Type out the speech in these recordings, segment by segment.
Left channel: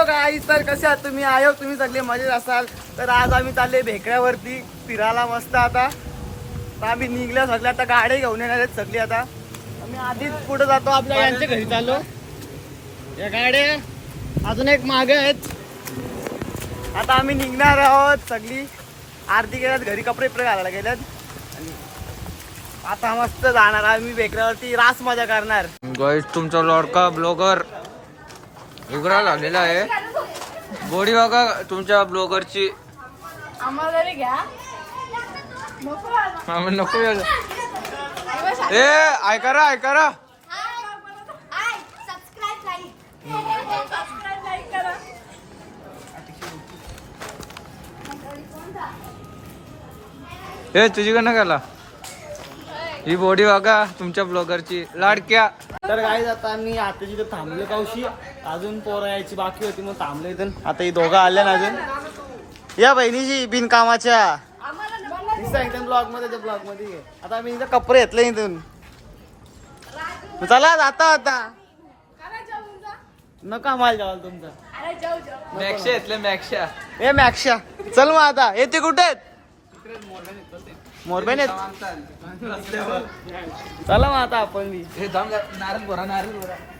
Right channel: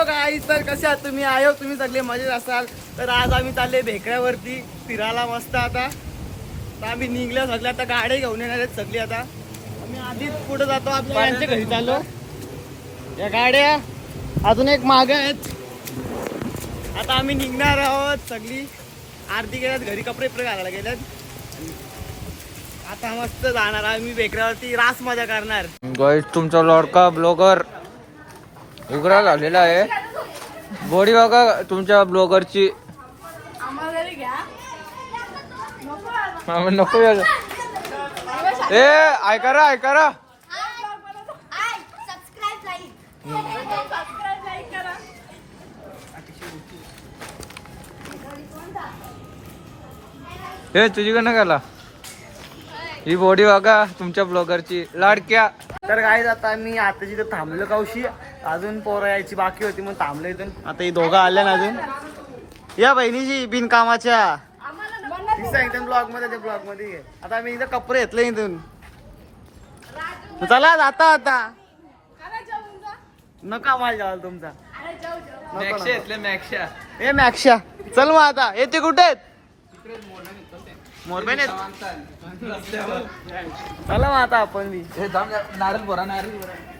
Hello गाईस, तर कसे आहात तुम्ही? आयो तुम्ही सगळे मजेत असाल. तर आज आम्ही चालले भेकड्यावरती फिरायला मस्त. आता आम्ही निघल्या सगळ्या, आता गाड्या घेऊन येणार आहेत सगळी. आता आम्ही आधीच पुढे जातो, आपल्या यांच्या घरी चाललो. या गाड्या अजून एक मागे आहेत. आता आम्ही निघणार आहोत सगळी. आरती गेल्यात घरी, कपडे घालायला गेल्यात आणि आता मस्त जाणार आम्ही भेकड्यावरती, रास मजा करणार. गाईस, तुमचा लॉडका ब्लॉगर उघडा झालेला आहे. बॉडी बघा तुमच्या ब्लॉगरची. नको ए ऐका रा हे तुझीकडनं गेला. ही बॉडी बघा तुमच्या ब्लॉगरची लाडक्या. तर काय आता मी आता जिथं थांबलो कावशी, अजून पोरं यायची बाकी होती मग थांबलो इथून. आता ही दोघं आल्या ना अजून. या बहिणीची बिनकामाच्या इथं ब्लॉग मध्ये, ब्लॉग मध्ये ये. आता मी इथं कपडे घेतले इथून. चला आता नका माल जावाल तुमचा. ए मॅक्शा चल मग आता. येते कुठे आहेत? मोरबेन चला मग आता आपण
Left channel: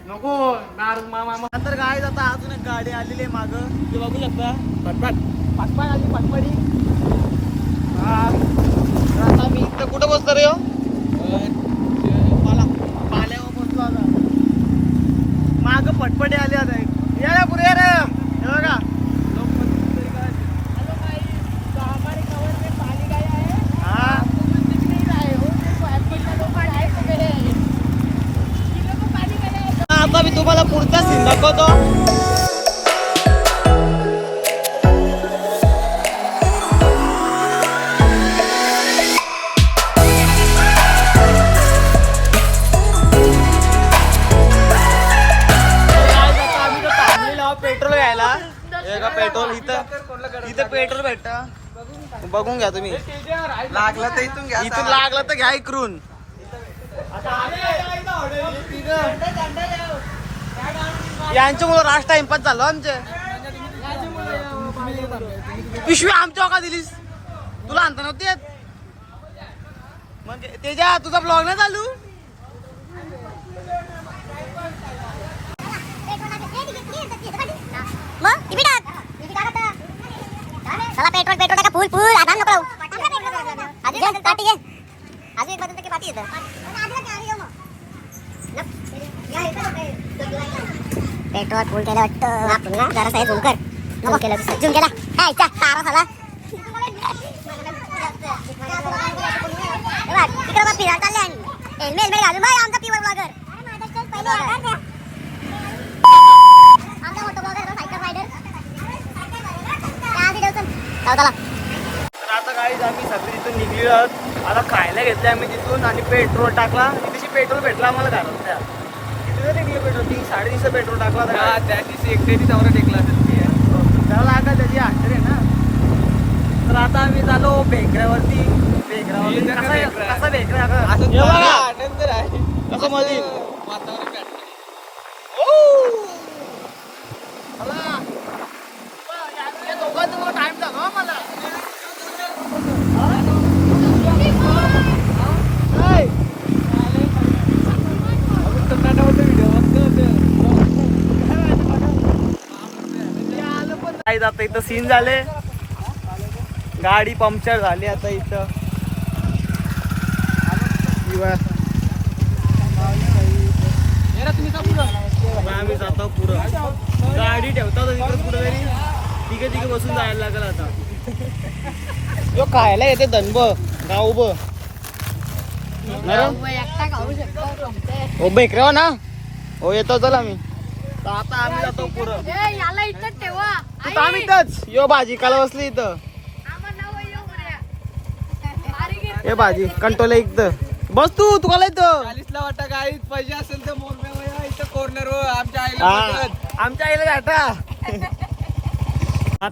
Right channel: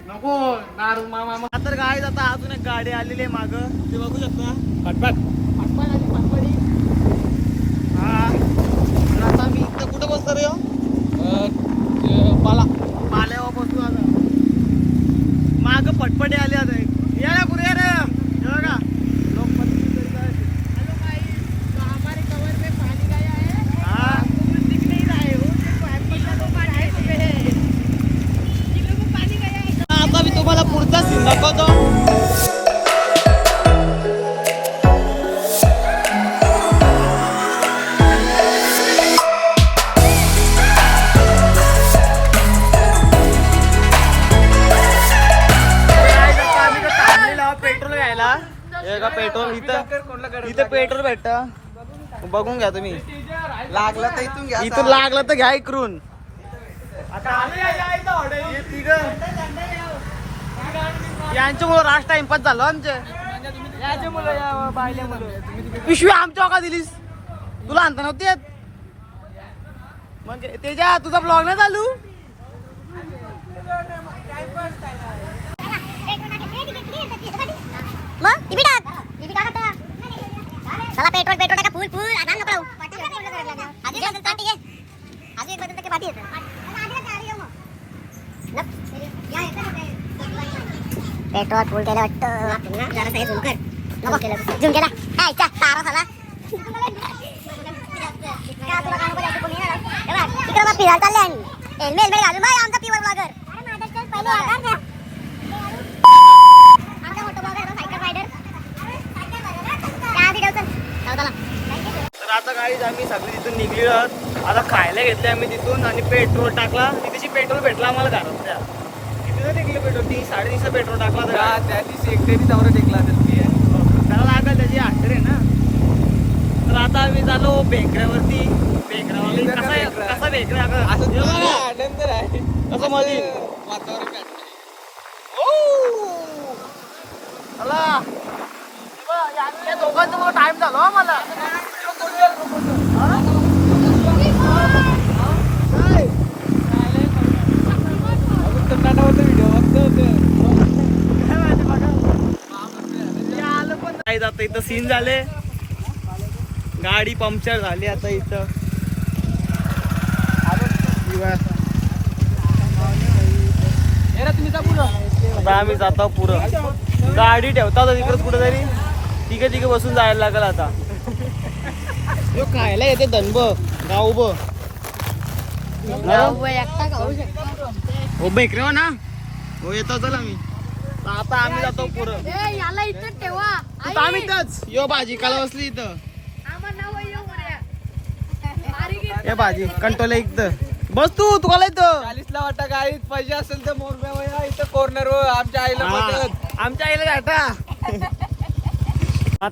नको नारळ मामा. तर काय आता अजून एक गाडी आलेली आहे माग, ते बघू शकता. पटपट आली पटपटी. हा तर आता मी इथं कुठं बसतो रे? पाल्यावर बसतो आता. माग पटपटी आली आता. या पुढे या रे. हे बघा आता मी तुम्हाला पुढचा सीन दाखवतो. आम्ही थांबलेलो आहोत पेट्रोल घ्यायला. हे का पेट्रोल इथं पेट्रोल भेटतं, बघून घ्या तुम्ही. लागला तर इथून लागलं तर घ्या इकडून. यांच्यामुळे रास्ट टाइमपास झालो आमचे. पिशवी आमच्या का दिलीस? तुला आणता नव्हती येत? मग त्याच्या तुझा ब्लॉग नाही चालू. चला पेट्रोल टाका फुल आधार नको. पेट्रोल फुल केलं वाटतं. जरा साहेब झूम कर. नको झूम केला काय तारा झाला. तिकडे बघ फिरायला चालले आणि हेल्मेट घालून बाय आमचा प्युअर ब्लॉगर. आमचा मोठा ब्लॉगर सायकल रायडर. त्या व्हिडिओ चल. तर आता काही आम्ही सगळे तिथून निघलेलो आहोत. आता खायला घेतले आम्ही तिथून आणि पेट्रोल टाकला. तिथे पेट्रोल भेटला आम्हाला घरात. त्या किती टेकलं पेट्रोल? 3-350 पेट्रोल टाकला. त्याची एकटेरी नवरा टेकला असेल. त्याला लागला त्याची हॅटर आहे ना. तर आता आम्ही चालो भेकऱ्यावरती. भेकऱ्यावरती कसा भेकऱ्या आनंद आहे कसं मध्ये वातावरण. दोघांचा टाइम झाला मला. आता इथं सीन झाले. गाडी पंक्चर झाली आता इथं. आता आम्ही जातो पुढं. गाडी ठेवता तिकडे कुठे तरी तिघे बसून जायला लागल आता. यो खायला येते धनब गाव भेकऱ्या ना. हो येतो चल आम्ही. आता आम्ही जातो पुढं. आम्ही इथंच यो भाजी काला बसली इथं. हे भाजी कंटोला इथं बस. तुला इथं 40ला वाटा. गाडी पाहिजे असेल तर मोरब्या इथं कॉर्नर आमच्या आईला घाटा.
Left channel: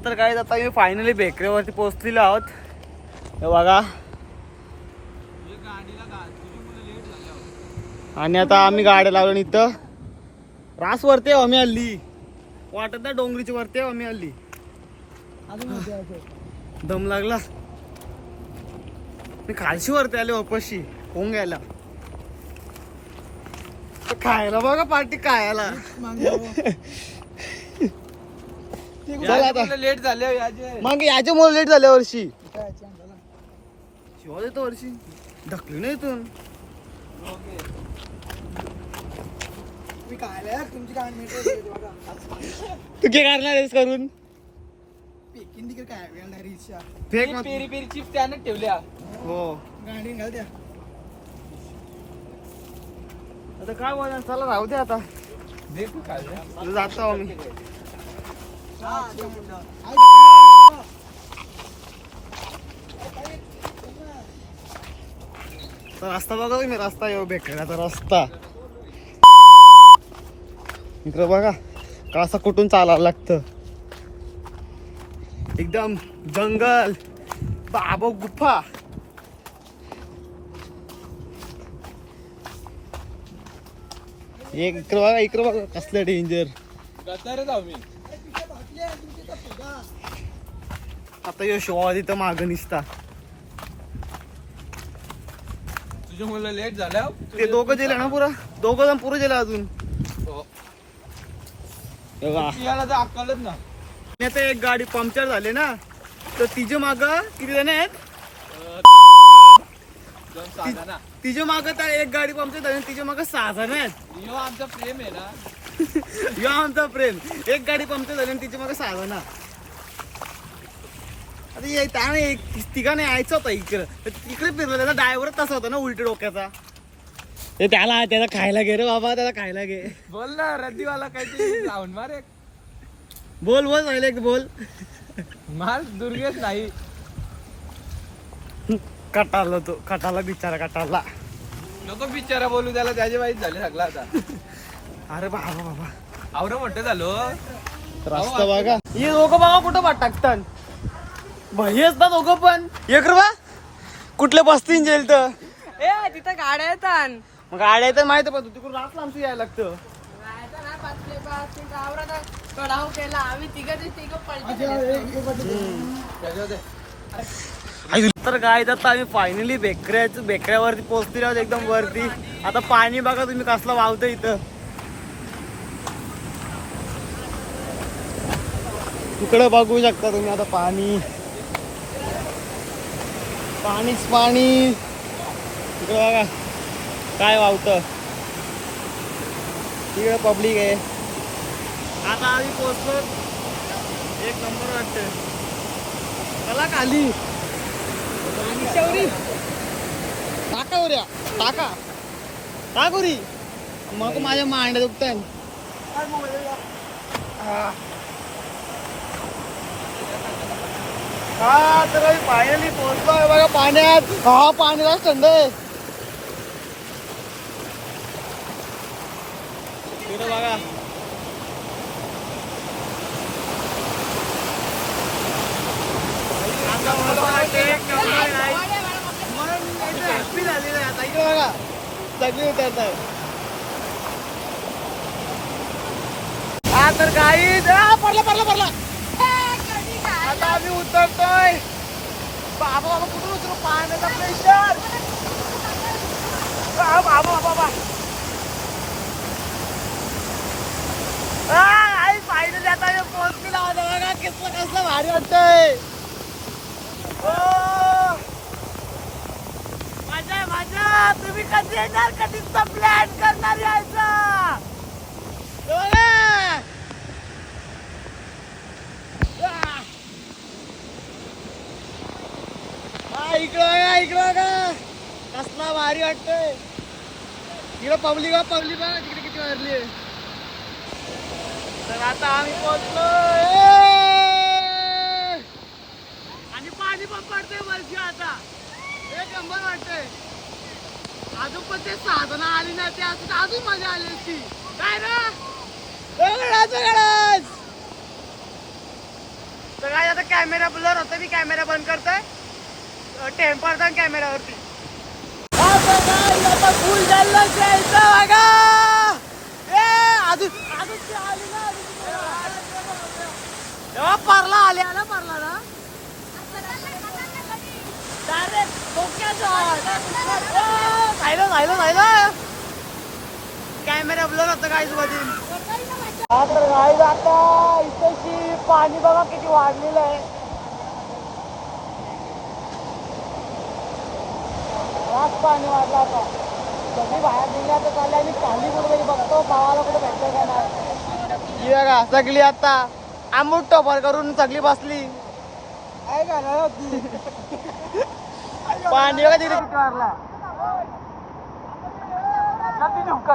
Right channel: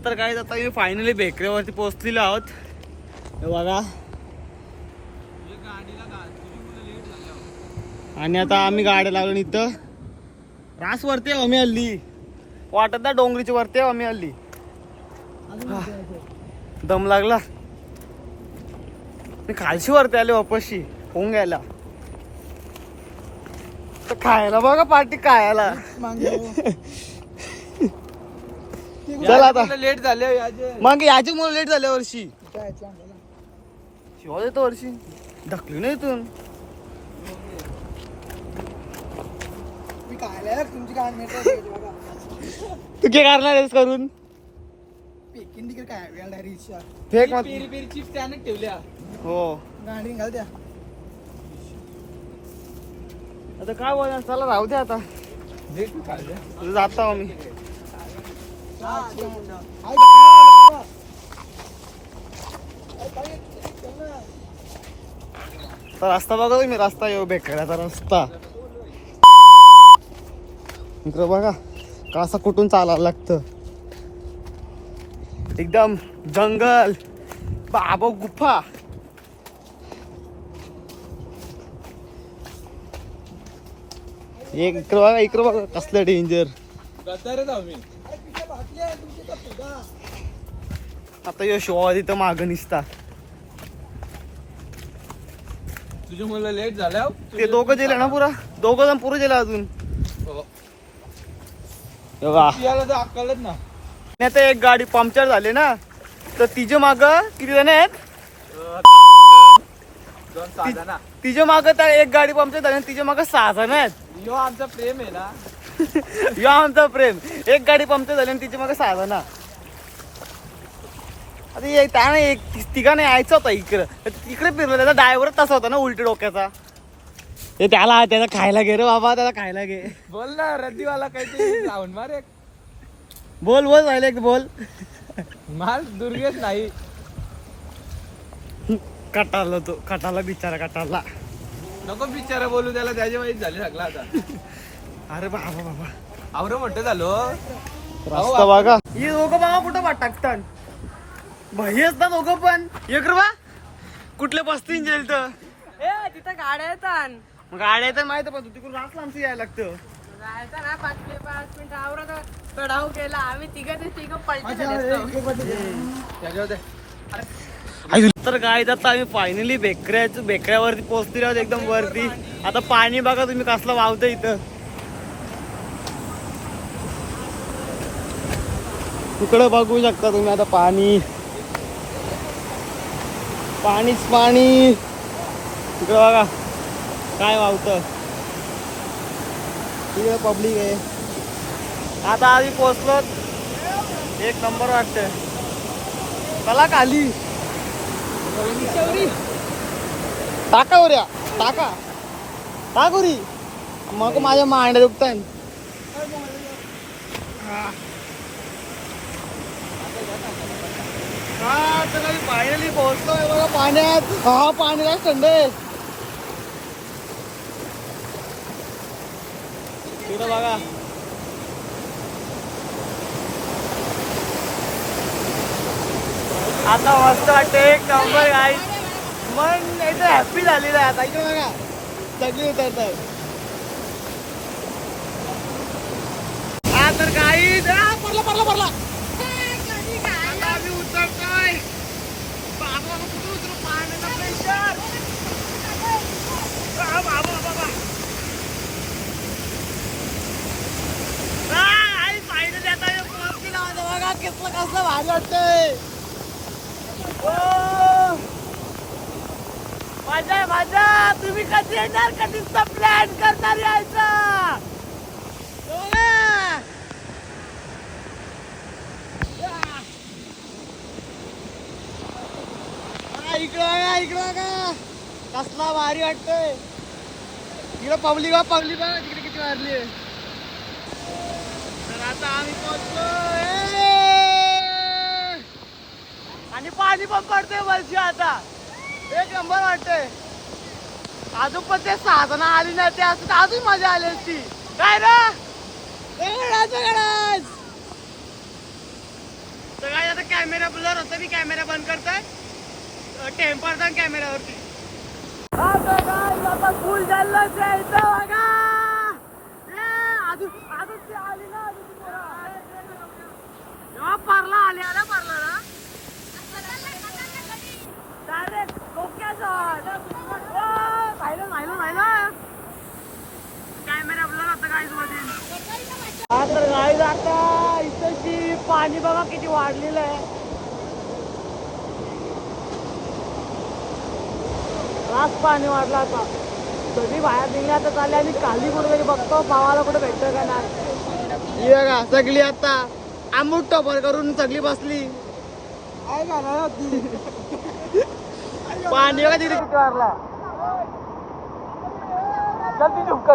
तर काय आता मी फायनली भेकऱ्यावरती पोहोचलेलो आहोत. बघा आणि आता आम्ही गाड्या लावलो इथं रासवरती आम्ही हल्ली. वाटत ना डोंगरीच्या वरती आम्ही हल्ली दम लागला. मी खालशी वरती आले वापसशी होऊन घ्यायला. तर खायला बघा पार्टी खायला. चल आता लेट झाले मग याच्या मुळे लेट झाल्या वर्षी शिवा देतो वर्षी ढकली नाही इथून. तू काय करणार आहेस करून फेक मत. पेरी पेरी चिप्स त्यानं ठेवल्या. हो आता काय बोला चला राहू दे आता जातो आम्ही. तर रस्ता बघा तुम्ही रस्ता येऊ बेकड्याचा रस्ता इकडे बघा कसा कुठून चालायला लागतं. एकदम जंगल बाबा गुफा. इकडे बघा कसलं डेंजर. आता यशोवा तिथं मागं निसता. तुझ्या मुलं लेट झाल्या. ते दोघं गेले ना पुरा दोघं जण पुरे गेले अजून. याला तर अक्कलच ना. आता एक गाडी पंक्चर झाली ना तर तिच्या माग किती जण आहेत. तिच्या माग तर एक गाडी पंक्चर झाली तिच्या माग 6 जण आहेत. यो आमचा प्रेम आहे ना. यो आमचा प्रेम. एक गाडी पंक्चर झाली आणि तिच्या माग 6 जण. आता त्याने एक तिघाने यायचं होतं इकडं इकडे फिरलं. त्याचा ड्रायव्हर तसा होता ना उलटी डोक्याचा. ते त्याला खायला घे रे बाबा त्याला खायला घे. बोल ना रद्दीवाला काहीतरी लावून मार एक. बोल राहिले एक बोल. मार दुर्गेश नाही. कटाला तो कटाला बिचारा कटाला. नको बिचारा बोलू त्याला त्याची माहिती झाली सगळं आता. अरे बाबा बाबा आवरं मोठं झालो. रस्ता बघा हे दोघं बघा कुठं टाकतात. भैयच ना दोघं पण. एक रुपया कुठले बसतील जेल तर तिथं गाड्या येतात. मग गाड्या तर माहिती पण तिकडून रात लांबची यायला लागतं. जायचं ना 5 मिनिट आवरा चढाव केला आम्ही तिघं पलटी. तर काय आता आम्ही फायनली बेकऱ्यावरती पोहोचते आहोत एकदम वरती. आता पाणी बघा तुम्ही कसलं वाहतं इथं. तिकडे बघू शकता तुम्ही आता पाणी पाणीच पाणी. तिकडे बघा काय वाहतं. तिकडे पब्लिक आहे. आता आम्ही पोहोचलो. एक नंबर वाटतं. चला खाली टाका उऱ्या टाका टाकुरी मग माझ्या मांड्या दुखताय. हा तर आम्ही फायनली पोहोचलोय बघा पाण्यात. हा पाण्याला थंड आहे. तिकडं बघा आता मस्त वाटते एक नंबर गाई. मन एकदम हॅपी झालेलं आहे आता. इकडे बघा सगळी उतरत आहे. हा तर गाई पडला आता आम्ही उतरतोय. बाबा कुठून उतरू पाण्याचा प्रेशर. बाबा आई फायनली आता पोहोचली ना बघा कसलं भारी वाटतंय. माझा तुम्ही कधी येणार कधीचा प्लॅन करणार यायचा. इकडं का कसला भारी वाटतंय. इकडं पब्लिक बघा तिकडे किती वारली. तर आता आम्ही पोहोचलो आणि पाणी पण पडतंय वरची. आता एक नंबर वाटतंय. अजून पण ते 6 जण आली नाही ते असं अजून मजा आली असती काय ना. तर काय आता कॅमेरा ब्लर होता. मी कॅमेरा बंद करतोय. टेम्पर कॅमेरावरती अजून तेव्हा परला आले ना परला ना राहिलं कॅमेरा ब्लर होतं गाईज मध्ये. तर गाईज आता इथंची पाणी बघा किती वाढलेलं आहे. रास पाणी वाढलं आता. कधी बाहेर निघले आता चालले आणि खाली कुठे बघतो भावाला कुठे भेटतं का नाही. ही बघा सगळी आता आंबूट टोपर करून सगळी बसली. पाणी बघा तिथे किती वाढला.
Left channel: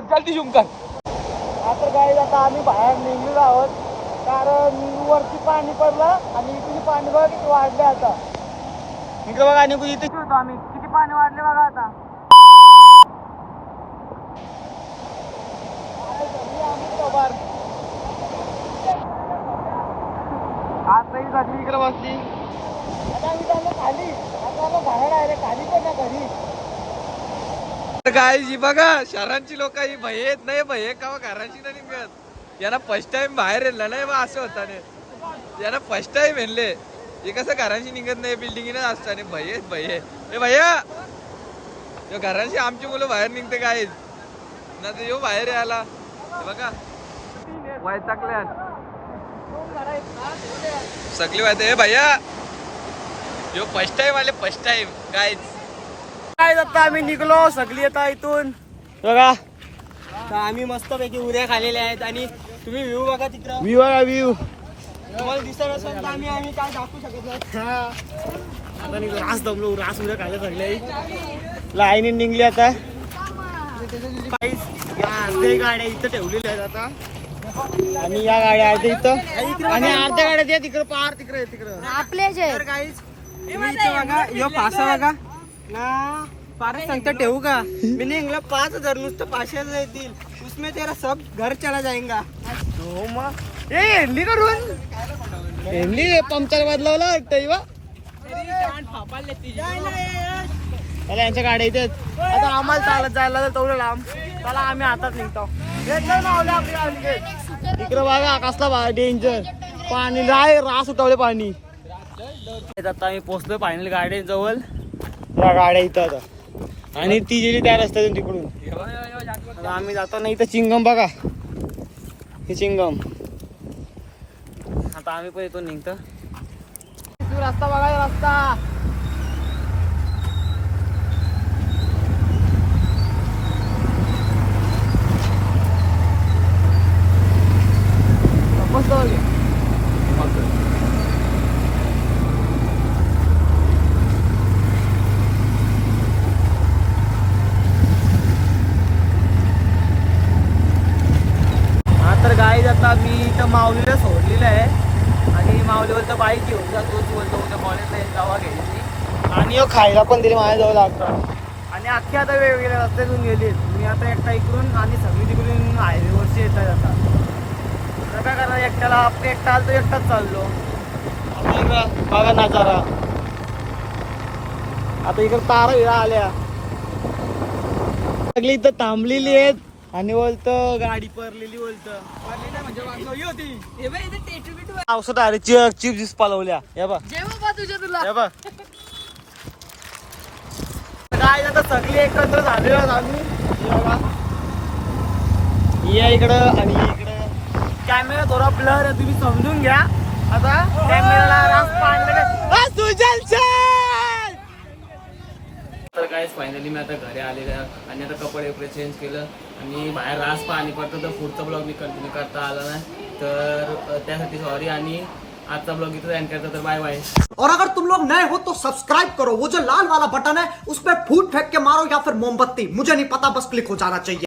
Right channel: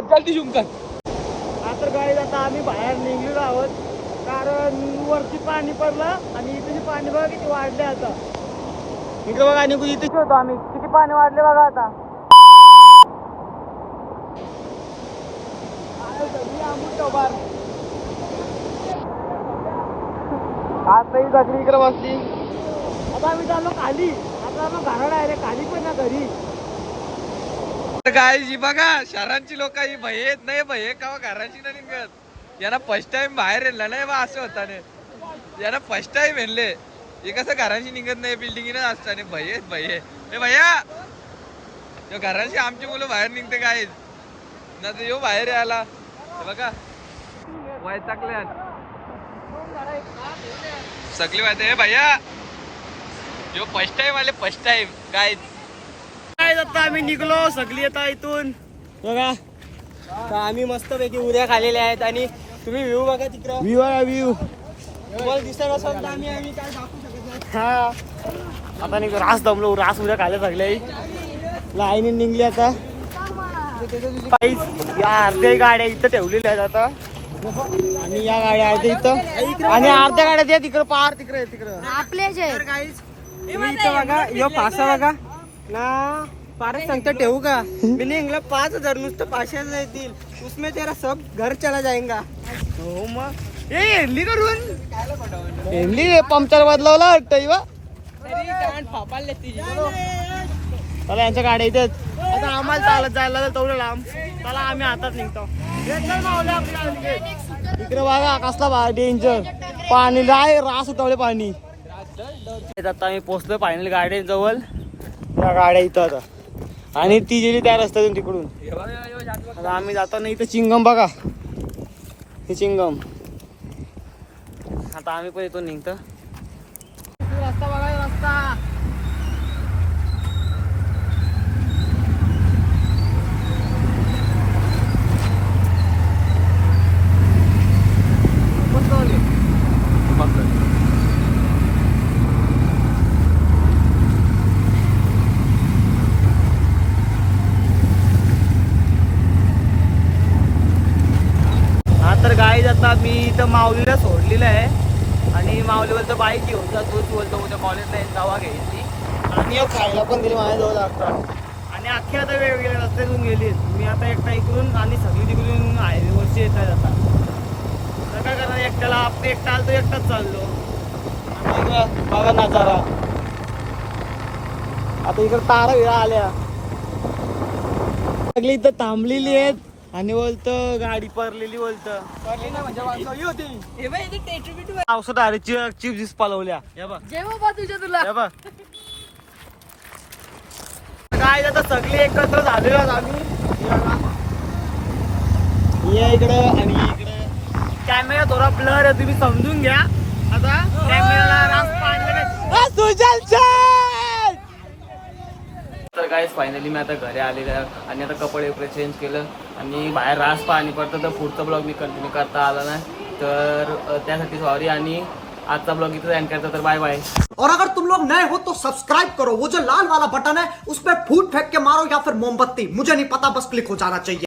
जल्दी झुम कर. आता गाईज आता आम्ही बाहेर निघलेलो आहोत कारण वरती पाणी पडलं आणि इथे पाणी बघा किती वाढले आता. इकडे बघा आणि इथे होतो आम्ही किती पाणी वाढले बघा आता. आता ही सगळी इकडे बसली. आता आम्ही चाललो खाली. आता आलो घरा डायरेक्ट खाली पण ना घरी. काय जी बघा शहरांची लोक ही भय नाही भय का घराची नाही निघत. यांना फर्स्ट टाइम बाहेर येला नाही बा असं होता नाही. यांना फर्स्ट टाइम येणले हे कसं घरांची निघत नाही बिल्डिंग असताना भय भय भैया घरांची आमची मुलं बाहेर निघते काय ना तर येऊ बाहेर यायला. बघा वैतागल्या सगळी माहिती भैया यो फर्स्ट टाइम आले फर्स्ट टाइम काय काय आता आम्ही निघलो सगळी आता इथून बघा. तर आम्ही मस्त पैकी उद्या खाल्लेल्या आहेत आणि तुम्ही व्ह्यू बघा तिकडं. व्ह्यू बघा व्ह्यू तुम्हाला दिसत असेल तर आम्ही काय दाखवू शकत नाही. हा आता निघतो. रास दमलो. रास उद्या खायला सगळे लाईनी निघली आता. अर्ध्या गाड्या इथं ठेवलेल्या आहेत आता आणि या गाड्या आहेत इथं आणि अर्ध्या गाड्या त्या तिकडं पार तिकडे तिकडं आपले जे बघा यो पासा बघा ना पारच सांगता ठेवू का मी निघला 5,000 नुसतं 500 येतील उसमें तेरा सब घर चला जाएगा. हो मग एनली करून एनली पंक्चर बदलावला वाटतं. चला यांच्या गाड्या इथे आता आम्हाला चालत जायला लागेल तेवढं लांब. चला आम्ही हातात निघतो. इकडे बघा कसला डेंजर पाणी लाय रास उठवले पाणी. आता आम्ही पोहोचलो फायनल गाड्या जवळ. त्या गाड्या इथं आता आणि ती गेली त्या रस्त्यातून तिकडून. आता आम्ही जातो ना इथं चिंगम बघा हे चिंगम. आता आम्ही पण इथून निघतो. रस्ता बघा रस्ता. तर गाईज आता मी इथं माऊलीला सोडलेलं आहे आणि माऊली बोलतो बाईक घेऊन जा तूच बोलतो उद्या कॉलेजला दवा घ्यायची आणि खायला पण दिली माझ्याजवळ लागतो. आणि अख्खी आता वेगवेगळ्या रस्त्यातून गेली. मी आता एकटा इकडून आणि सगळी तिकडून हायवेवरची येतात आता. तर काय करणार एकट्याला आपण एकटा आलो तो एकटाच चाललो. आता इकडं बघा नजारा. आता इकडं तारा विरा आल्या सगळी इथं थांबलेली आहेत आणि बोलतं गाडी परलेली बोलतं औषध अरे चिप्स पालवल्या या बघ या बघ. काय आता सगळे एकत्र झालेलो आहोत आम्ही. या इकडं आणि इकडं कॅमेरा थोडा ब्लर आहे तुम्ही समजून घ्या. आता कॅमेराला रास पाडलं तर काय फायनली मी आता घरी आलेलं आहे आणि आता कपडे वगैरे चेंज केलं आणि बाहेर रास पाणी पडतं तर पुढचा ब्लॉग मी कंटिन्यू करता आला नाही तर त्यासाठी सॉरी. आणि आजचा ब्लॉग इथं एंड करता तर बाय बाय. और अगर तुम लोग नए हो तो सब्सक्राइब करो. वो जो लाल वाला बटन है उस पर फूट फेंक के मारो या फिर मोमबत्ती मुझे नहीं पता बस क्लिक हो जाना चाहिए.